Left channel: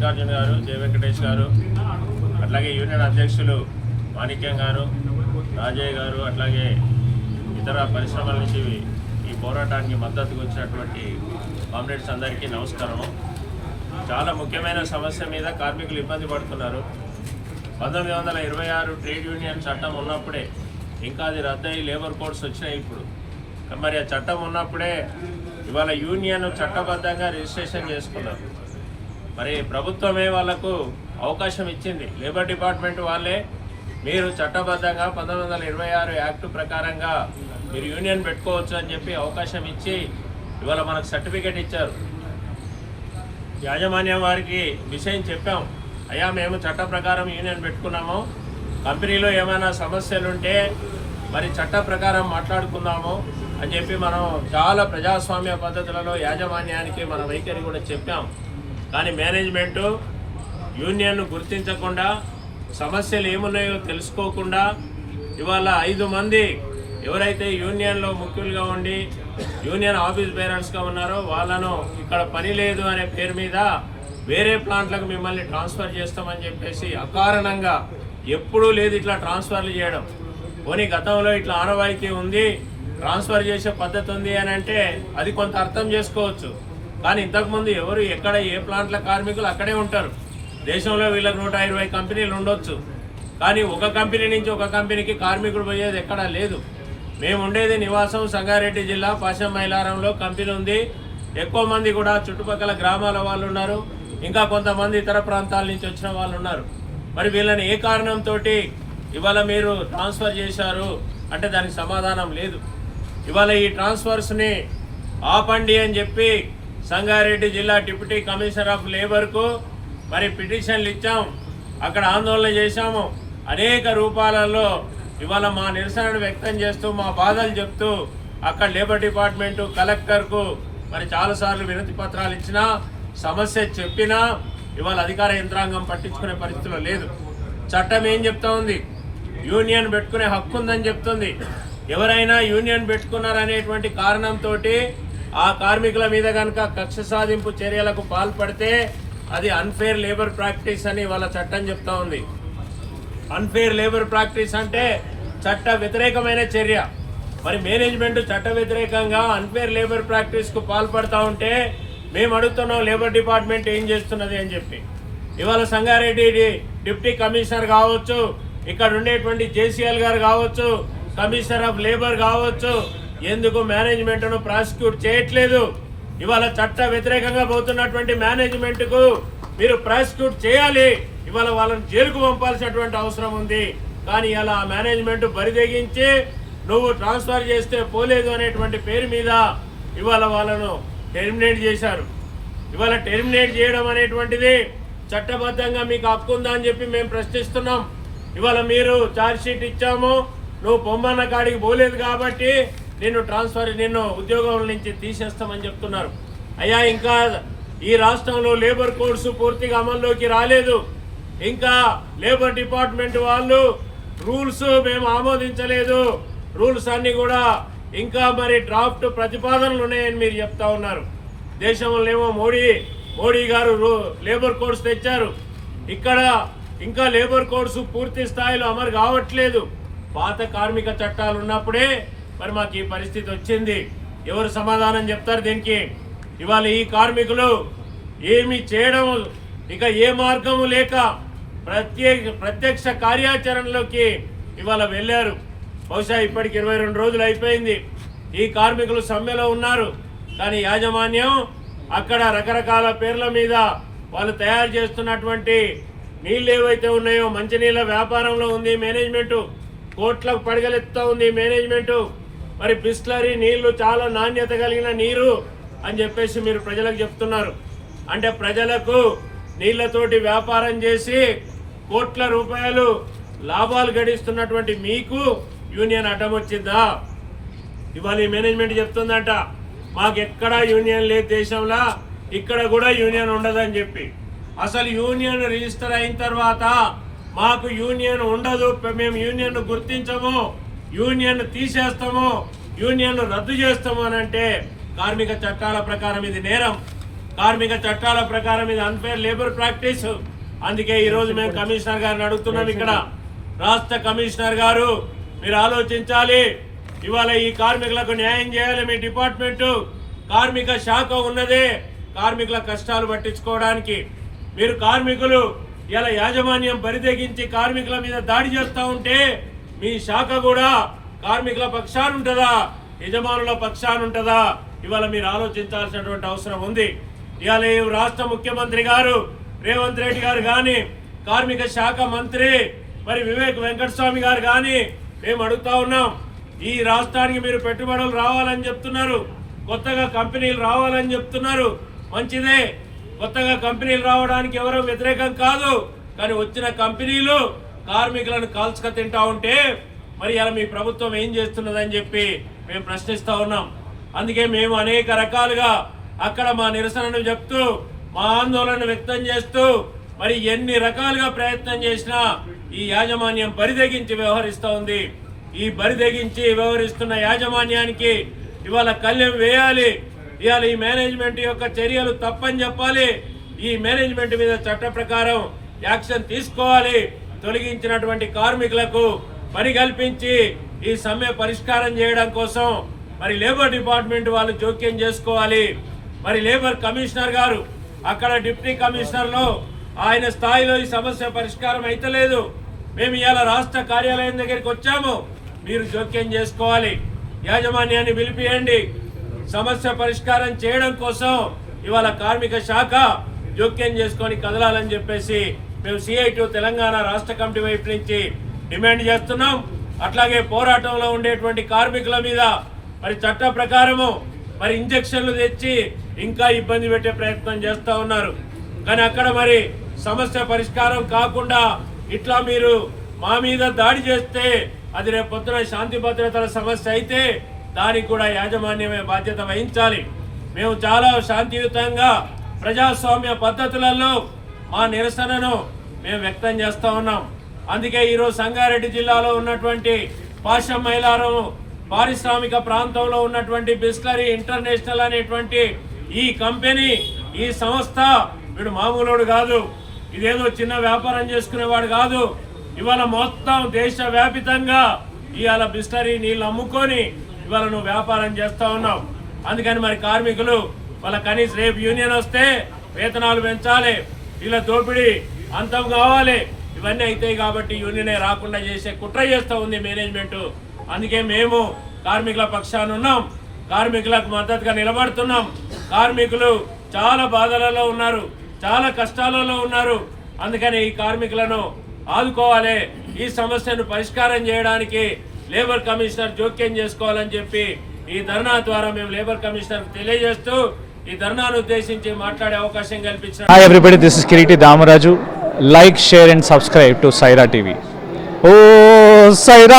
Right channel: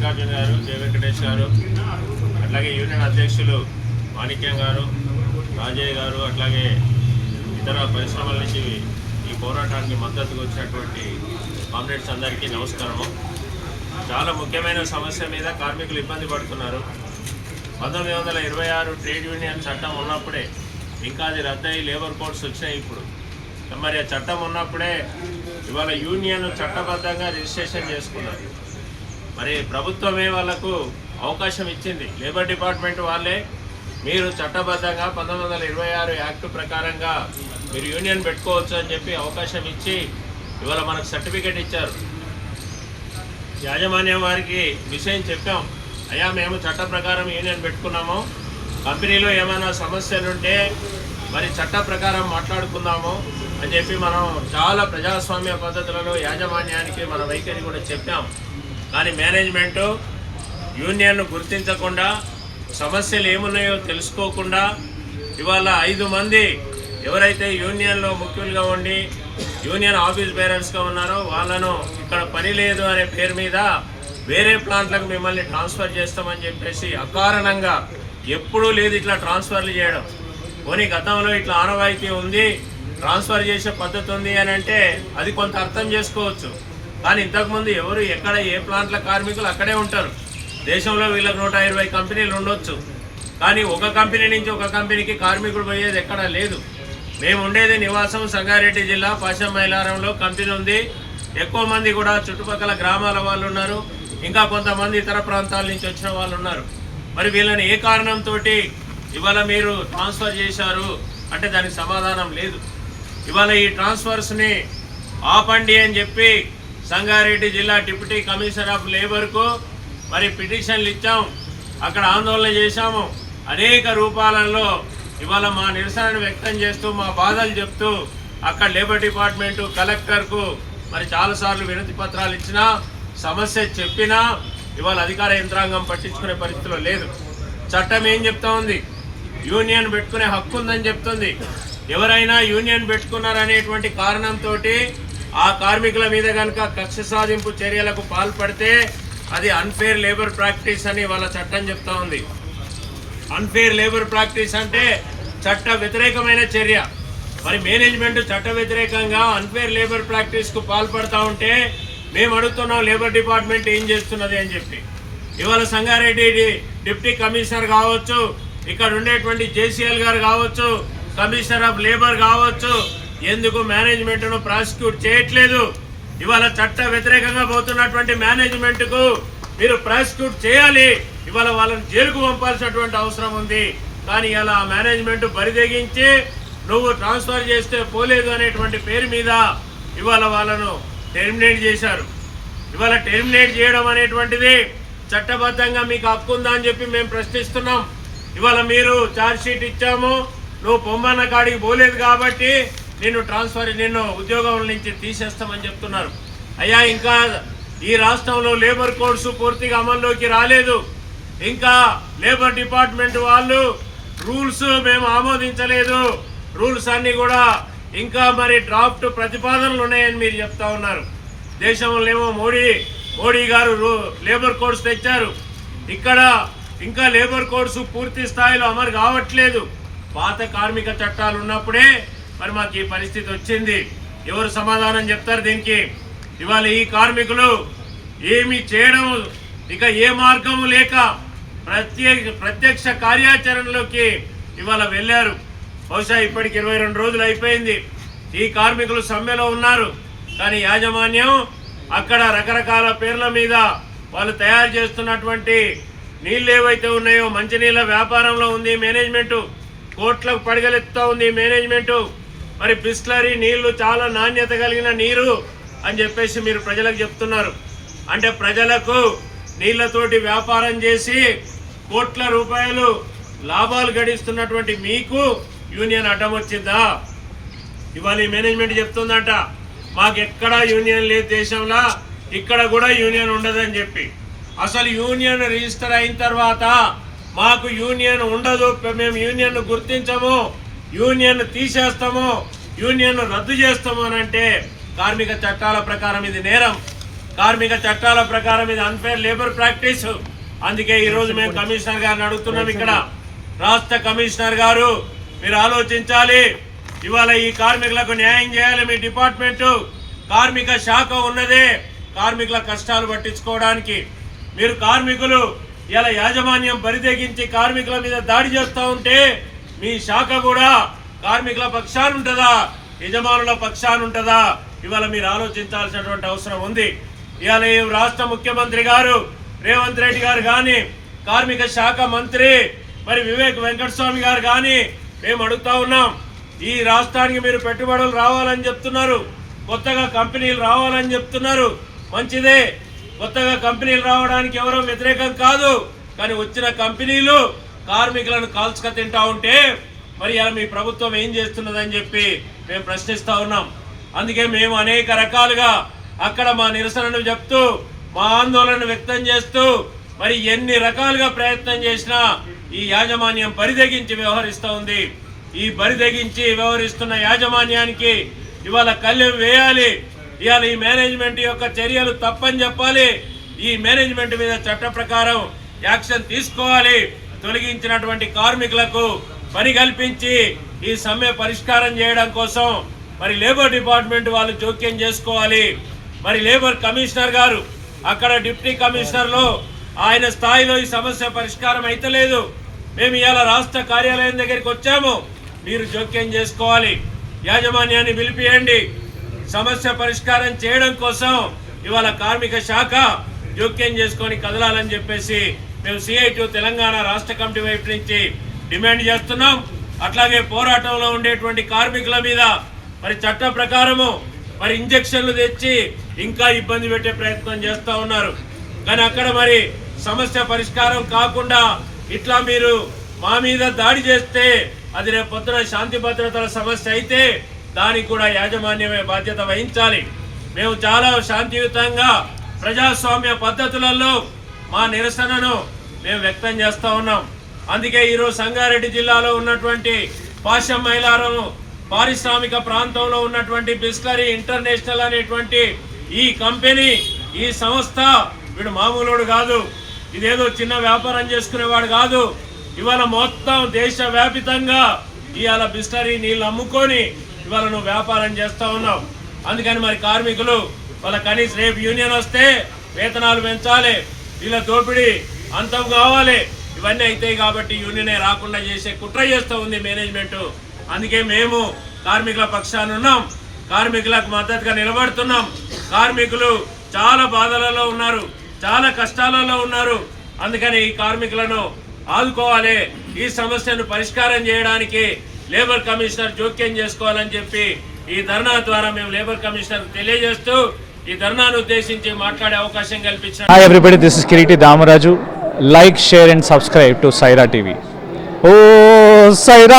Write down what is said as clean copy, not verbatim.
మల్లికార్జున గారు, జయ వెంకటేష్ గారు, అట్లాగే యూనియన్ అధ్యక్షులు మాణిక్యం గారు, రాజయ్య గారు, అట్లాగే ఇతర పరిశ్రమల నుంచి ఈ పోరాటానికి మద్దతుగా వచ్చినటువంటి కామ్రేడ్స్ అందరికీ నమస్కారము. చాలా ముఖ్యమైన సమస్య మీద కార్మికులు ఇబ్బంది పడుతున్నారు. 1926 ట్రేడ్ యూనియన్ చట్టం ఉన్నప్పుడే, ఇంకా అది రద్దయి లేబర్ కోడ్స్ వచ్చినాయి. ఇప్పుడు మరి ఆ చట్టం ఉన్నప్పుడే ఇవాళ యూనియన్ చట్టబద్ధంగా రిజిస్ట్రేషన్ చేసుకున్నారు. మరి ప్రభుత్వమే వాళ్ళకు అవకాశం ఇచ్చింది. లేబర్ డిపార్ట్మెంట్ వాళ్ళే మీరు చట్టబద్ధంగా 1926 యాక్ట్ ప్రకారంగా మీరు యూనియన్ పెట్టుకోవచ్చు అని చెప్పి అవకాశం ఇచ్చి ఇవాళ మనకు సర్టిఫికేట్ ఇచ్చారు. యాజమాన్యం వారికి విషయం చెప్పాం, అయ్యా మేము చట్ట ప్రకారం యూనియన్ పెట్టుకున్నాము, కంపెనీలో ఏమైనా సమస్యలుంటే మరి చట్ట ప్రకారం మాట్లాడుకుందాము అని చెప్పి మనం చాలా ప్రజాస్వామ్య పద్ధతులలో యాజమాన్యానికి మన వైఖరి కూడా చెప్పాం. కానీ మేనేజ్మెంటు యూనియన్ను గుర్తించకుండా, సమస్యలు ఏమున్నాయో తెలుసుకోకుండా ఇవాళ 5 మంది ఎవరైతే యూనియన్లో ముఖ్యులుగా ఉండి యూనియన్ ఆఫీస్ బేరర్స్గా ఉన్నారో వాళ్ళను ఇక్కడ పని లేదు అనే పేరు మీద వేరే ప్లాంట్లకు మిమ్మల్ని ట్రాన్స్ఫర్ చేస్తామని చెప్పేసి అకారణంగా, ఎప్పుడూ లేదు ఇట్లా ట్రాన్స్ఫర్లు చేయడం. పోనీ గతంలో ఇట్లా ఆనవాయితీ ఉంది, ట్రాన్స్ఫర్ చేసే పద్ధతి ఉంది అని అంటే అది కొంత అర్థం చేసుకోవచ్చు. కానీ ఇంతకుముందు ఎవరు ఎక్కడ ఏ ప్లాంట్ల కార్మికులు అక్కడే ఉంటారు. దేశంలో వీళ్ళకి 120 కంపెనీలు ఉండొచ్చు, కానీ ఒక కంపెనీ నుంచి ఒక కంపెనీకి కార్మికుడు పోయేది ఎక్కడా లేదు. మేము ఉండేది నివాసం సంగారెడ్డి జిల్లా పాశం మైలారంలో కంపెనీ ఉంది. ఎక్కువ మంది కూడా చుట్టుపక్కల గ్రామాల వాళ్ళు ఉన్నారు, ఇంకా కొంతమంది ఇతర ప్రాంతాల నుంచి వచ్చిన వాళ్ళు ఉన్నారు. మరి వీళ్ళని ఏ కారణంతో ఇవాళ మీరు ట్రాన్స్ఫర్ చేశారు అంటే దానికి సమాధానం లేదు. ఇవాళ ఈ ట్రాన్స్ఫర్స్ని ఆపండి అని చెప్పి సంగారెడ్డి జిల్లా డిప్యూటీ కమిషనర్ ఆఫ్ లేబర్కు మరి పిటిషన్లు ఇచ్చాం, అక్కడ ఆందోళన చేశాము. అనేక రూపాలలో ఇవాళ మా నిరసనను వ్యక్తం చేస్తూ మా బాధలు చెప్తూ అక్కడ లేబర్ డిపార్ట్మెంటు కలెక్టర్కు మరి చాలాసార్లు వినతి పత్రాలు ఇచ్చినా, సమస్య చెప్పినా ఇవాళ అధికార యంత్రాంగం పట్టించుకునే పరిస్థితిలో లేదు. చట్టం ఏం చెప్తా ఉంది? యూనియన్ పెట్టుకునే హక్కు ఉందని చెప్తుంది. ఎవరైనా యూనియన్ పెట్టుకున్నారనేటువంటి కారణంతో ఆ కార్మికుల మీద కనుక కక్ష సాధింపు చర్యలకు పాల్పడితే అది అన్ఫేర్ లేబర్ ప్రాక్టీస్ అని వాళ్ళ చట్టం చెప్తా ఉంది. అన్ఫేర్ లేబర్ ప్రాక్టీస్ అంటే చట్ట వ్యతిరేకమైన చర్య. మరి మేనేజ్మెంట్ చట్ట వ్యతిరేకంగా అన్ఫేర్ లేబర్ ప్రాక్టీస్కు పాల్పడతా ఉంటే మేము అడుగుతున్నాం లేబర్ డిపార్ట్మెంట్ ఏం చేస్తున్నది అని చెప్పి. ఇవాళ సంగారెడ్డి డిప్యూటీ కమిషనర్ కావచ్చు, ఇక్కడ ఉండేటువంటి జేసీఎల్ గారు కావచ్చు, కమిషనర్ ఆఫ్ లేబర్ కావచ్చు, ఎందుకు మేనేజ్మెంట్ను ప్రాసిక్యూట్ చేయట్లేదు? ఇవాళ చట్ట వ్యతిరేకంగా పోతున్నటువంటి మేనేజ్మెంట్కు మీరు ప్రాసిక్యూట్ చేయాలి. ఇవాళ వాళ్ళని జైలుకు పంపాల్సినటువంటి అవసరం ఉంది. కానీ ఇలా మేనేజ్మెంట్ బరిదెగించి నువ్వు ట్రాన్స్ఫర్ చేస్తే పోలేదు అనేటువంటి పేరు మీద ఇవాళ వాళ్ళను టెర్మినేట్ చేశారు. ఇవాళ టెర్మినేట్ చేయడం అనేటువంటిది చట్టబద్ధంగా మీకు హక్కు ఉందా అని చెప్పి మేము ప్రశ్నిస్తున్నాం. ఇవాళ మీరు ఛార్జ్ షీట్ ఇచ్చాము, నువ్వు పొమ్మన్న కాడికి పోలేదు కాబట్టి నిన్ను ఉద్యోగం నుంచి తీసేస్తామని చెప్తున్నారు. అయ్యా, ఇంకా ఈ రాష్ట్రంలో లేబర్ కోడ్స్ పూర్తిగా అమల్లోకి రాలేదు. ఇంకా లేబర్ డిపార్ట్మెంట్ వాళ్ళు రూల్స్ మేము ఆమోదించలేదు, రూల్స్ అన్నీ కూడా ఇంకా మరి డ్రాఫ్ట్ ప్రతిపాదనలు ఉన్నాయని మీరు చెప్తా ఉన్నారు. దేశంలో ఏమో మోడీ గారు లేబర్ కోడ్స్ తెచ్చారు. ఇక్కడ ఇంకా లేబర్ కోడ్స్ పూర్తి స్థాయిలో అమలు కావట్లేదు. పాత కార్మిక చట్టాలు ఉన్నప్పుడే మరి మాకు ఈ పరిస్థితి వచ్చింది. ఎవరు సమాధానం చెప్తారు దీనికి? ఇవాళ ఈ కార్మికులు ఏమి చేయడం ఇక ఏ మార్గము లేక ప్రత్యక్ష కార్యాచరణలోకి ఇవాళ వెళ్ళారు. బహుశా ఇప్పటికి 22 రోజులు అయిపోయింది. ఈ కార్మికులు సమ్మెలో ఉన్నారు. కానీ యాజమాన్యం అక్కడ రకరకాల పేర్ల మీద వాళ్ళు తయారు చేస్తున్నటువంటి నీళ్ళు ఏవైతే ఉన్నాయో, మంచినీళ్ళ వ్యాపారంలో ఉంది మేనేజ్మెంటు, కోట్లకు పడగలెత్తుతూ ఉంది మేనేజ్మెంటు. మరి బిస్లరీ నీళ్లు చాలా నాణ్యత కలిగిన నీరు అని చెప్పేసి మీరు ప్రజలకు చెప్తున్నారు. అంటే ప్రజలకు నీళ్లతోటి వ్యాపారం చేసి కోట్ల రూపాయలు లాభాలు గడిస్తున్నటువంటి మీకు యూనియన్ అడ్డం వచ్చిందా? ఇవాళ మేనేజ్మెంట్ చెప్తుందంట మాకు ఎక్కడా యూనియన్ లేదు దేశంలో, ఇక్కడ కూడా యూనియన్ ఉండదని చెప్పి. అసలు యూనియన్ రిజిస్టర్ అయిన తర్వాత మాకు యూనియన్ ఉండదు, మేము యూనియన్ గుర్తించము, యూనియన్ తీసేస్తాము, యూనియన్ రద్దు చేస్తాము అని అంటే కార్మిక చట్టాల ప్రకారం ఇది నేరం. కార్మిక చట్టాల ప్రకారం ఇది అన్ఫేర్ లేబర్ ప్రాక్టీస్. అందుకే ఈరోజు మేము కమిషనర్ గారిని అడుగుతున్నాం, ఇక్కడ రాష్ట్ర కమిషనర్ గారు మీరు ఆలోచించాలి. ఇవాళ ఈ కార్మికులకు న్యాయం చేయాలి. మీ డిపార్ట్మెంటు కార్మిక శాఖ ఉన్నదే కార్మికుల కష్టాలు పట్టించుకోవడానికి. మీరు కార్మికులు ఇలా యాజమాన్యం బరితెగించి కార్మికుల మీద దాడి చేస్తూ ఉంటే మీ శాఖ కూడా కార్మికుల పక్షాన ఉంటుందా, యజమానుల పక్షాన ఉంటుందా? ఇవాళ మీరు ఆలోచించాల్సినటువంటి అవసరం ఉంది. ఇవాళ ఈ రాష్ట్ర ముఖ్యమంత్రి గారు రేవంత్ రెడ్డి గారు కానీ, కార్మిక శాఖ మంత్రి మరి వివేక్ వెంకటస్వామి గారు కానీ మేము అడుగుతా ఉన్నాం, ఈ రాష్ట్రానికి మీరు పెట్టుబడులు రావాలని చెప్తున్నారు, కొత్తగా కంపెనీలు రావాలని చెప్తున్నారు, మంచిదే. కొత్తగా కంపెనీలు రావడానికి ఎవరో వ్యతిరేకం కాదు. కానీ వచ్చిన కంపెనీలు కార్మికులను కాల్చుక తింటా ఉంటే మరి అలా మీ ప్రభుత్వం ఏం చేస్తున్నదని చెప్పి మేము ప్రశ్నిస్తూ ఉన్నాం. అందుకే మేము అనేక రకాలుగా అక్కడ మా నిరసనను చెప్తూ మా ఆందోళన వ్యక్తం చేస్తూ మరి ఎన్ని రకాలుగా ప్రయత్నం చేసినా ఈ యాజమాన్యం బరిదెగించి వ్యవహరిస్తూ ఉంది. ఈ బరిదెగించి వ్యవహరిస్తున్న యాజమాన్యానికి ఇవాళ కళ్ళెం వేయాలి. ఇవాళ ఈ మేనేజ్మెంట్ యొక్క చర్యలు తప్పని చెప్పాలి. ఈ మేనేజ్మెంట్ మీద చట్ట ప్రకారం యాక్షన్ తీసుకోవాలి. తొలగించినటువంటి కార్మికులకు పని కల్పించి ఈ సమ్మె పరిష్కారం చేయడం కోసం మరి లేబర్ డిపార్ట్మెంట్ వాళ్ళు జోక్యం చేసుకోవాలి. మరి లేబర్ కమిషనర్ గారు అక్కడ డిప్యూటీ కమిషనర్లో ఆయన స్థాయిలో ఈ సమస్య పరిష్కారం అయితలేదు. మేము ఇవాళ రాష్ట్ర కార్యాలయం దగ్గరికి వచ్చాము, మీరు జోక్యం చేసుకోవాలి, యాజమాన్యాన్ని పిలిపియండి, సమస్య పరిష్కారం చేయడం కోసం ఇవాళ కార్మిక శాఖ జోక్యం చేసుకొని కదలాలని చెప్పేసి మేము CITU తెలంగాణ రాష్ట్ర కమిటీ వైపు నుంచి డిమాండ్ చేస్తున్నాం. అట్లాగే పోరాటంలో ఉండేటువంటి కార్మికుల మీద మరి చట్ట ప్రకారము మరి ఇంజక్షన్లు తెచ్చి ఇంకా ఇబ్బంది పెట్టే ప్రయత్నం చేస్తూ ఉన్నారు. కానీ అక్కడ మరి సమస్య పరిష్కారం కాకుండా ఇట్లా మీరు మా మీద దాడి చేస్తే అది రేపు పొద్దున శాంతి భద్రతల సమస్య అయితే దానికి కూడా యాజమాన్యమే బాధ్యత వహించాలి. మేము చాలా శాంతియుతంగా ప్రజాస్వామ్య పద్ధతులలో మా నిరసనను మేము వ్యక్తం చేస్తూ ఉన్నాం. అందుకే ఈరోజు సంగారెడ్డి జిల్లాలో ఉన్నటువంటి పాశం మైలారం పారిశ్రామిక ప్రాంతంలో ఉన్నటువంటి బిస్లరీ ఇంటర్నేషనల్ అనేటువంటి ఈ కంపెనీ, ఈ సంస్థ వీడు మామూలుడు కాదు, ఇదేదో చిన్న వ్యాపారం చేసుకునేవాడు కాదు. ఇవాళ మొత్తం దేశవ్యాపితంగా ఇవాళ బిస్లరీ నీళ్ళు అమ్ముకొని ఇవాళ నువ్వు వ్యాపారం చేస్తూ ఉన్నావు. అందుకని మరి కార్మికులు వాళ్ళ కనీసం రేపు యూనియన్ వస్తే వేతనాలు పెంచాలి, వీళ్ళ దోపిడీ అంతం కావాలి, ఇవన్నీ అవుతాయి. కాబట్టి యూనియనే రాకుండా చేసే కుట్ర చేస్తూ ఉంది మేనేజ్మెంట్. అందుకే మేము కార్మికుల పక్షాన ఉన్నాం, కార్మికులకు మద్దతుగా నిలబడుతున్నాం. కార్మికులు చాలా బాధలలో ఉన్నారు, చాలా కష్టాలలో ఉన్నారు. అందుకని ఈ కార్మికులను ఆదుకోవాలి, ఈ సమస్యను పరిష్కారం చేయడానికి లేబర్ కమిషనర్ జోక్యం చేసుకోవాలని చెప్పి ఈ ధర్నా ద్వారా మేము లేబర్ కమిషనర్ తెలియజేస్తూ ఈ ధర్నాను ఉద్దేశించి మాట్లాడే అవకాశం కల్పించారు. Hi everybody, this is Kiriti Damaraju. Like, share and subscribe to Saira TV. Oh Saira.